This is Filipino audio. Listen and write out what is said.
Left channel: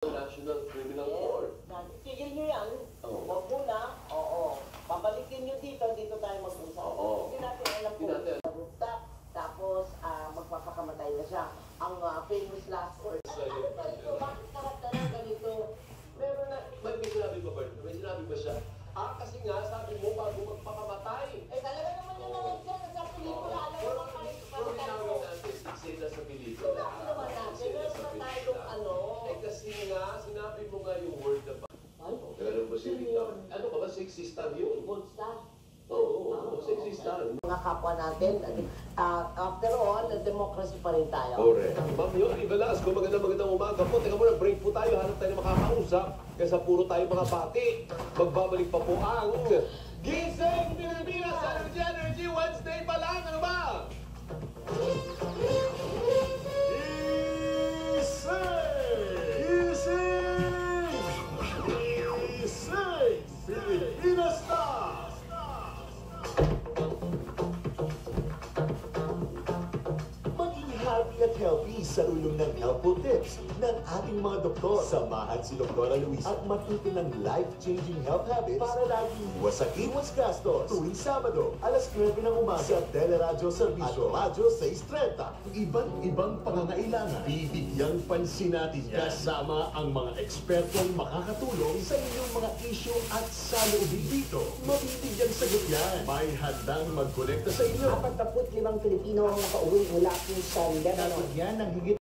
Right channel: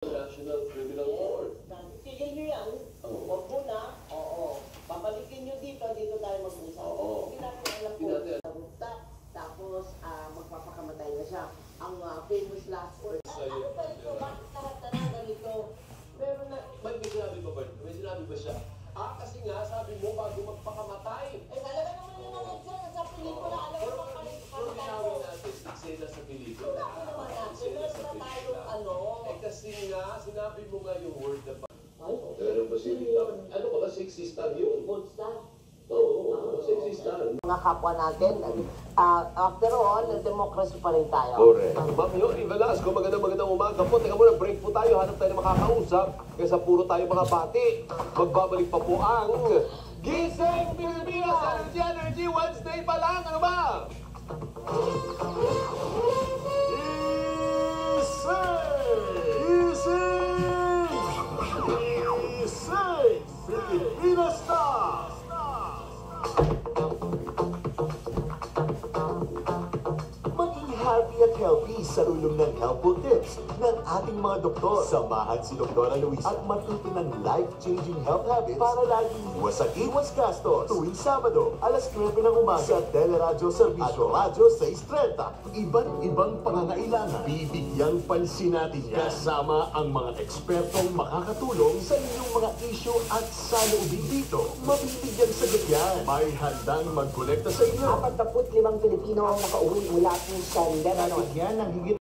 National Criminal Court. Tigil nyo yan. Oo. Huwag muna. Oo. Babalikin nyo dito tayo mag-usap. Oo. Hindi natin alam Hindi po. natin. Sa rooftop, tapos magpapakamatay na siya. Ang famous last word. Ano ba ito? Bakit karapta na ganito? Meron na. May sinabi ba ba? May sinabi ba siya? Kasi nga, sabi mo, bago magpakamatay. Talaga naman yun na nandiyan. Sa pelikula, alam mo naman Pero ginawin natin, sila sa pelikula. Sinabi naman natin, meron na tayong ano. Kasi nga, sinabi mo nga yung word na ba? Ay, Ganun ba si Rita? Ano ka ba? Sexy star yun? gold star. Oo, sexy star. Mga kapwa natin, after all, democracy pa rin tayo. Correct. Ma'am Yoli Velasco, magandang umaga po. Teka muna, break po tayo. Hanap tayo na makakausap. Kaysa puro tayo mga bati. Magbabalik pa po ang Gising Pilipinas! Energy Wednesday pa lang. Ano ba? Gising Pilipinas na! Happy at healthy sa tulong ng Helpful Tips ng ating mga doktor. Samahan si Dr. Luis at matuto ng life-changing health habits para laging iwas gastos. Tuwing Sabado, alas 9 ng umaga sa Teleradyo Servicio at Radyo 630. Iba't ibang pangangailangan, bibigyang pansin natin yan. Kasama ang mga ekspertong makakatulong sa inyong mga issue at saloobin dito. Mabibigyan sagot yan. May handang magkolekta sa inyo. 45 Pilipino ang nakauwi mula po sa Lebanon. Yan ang higit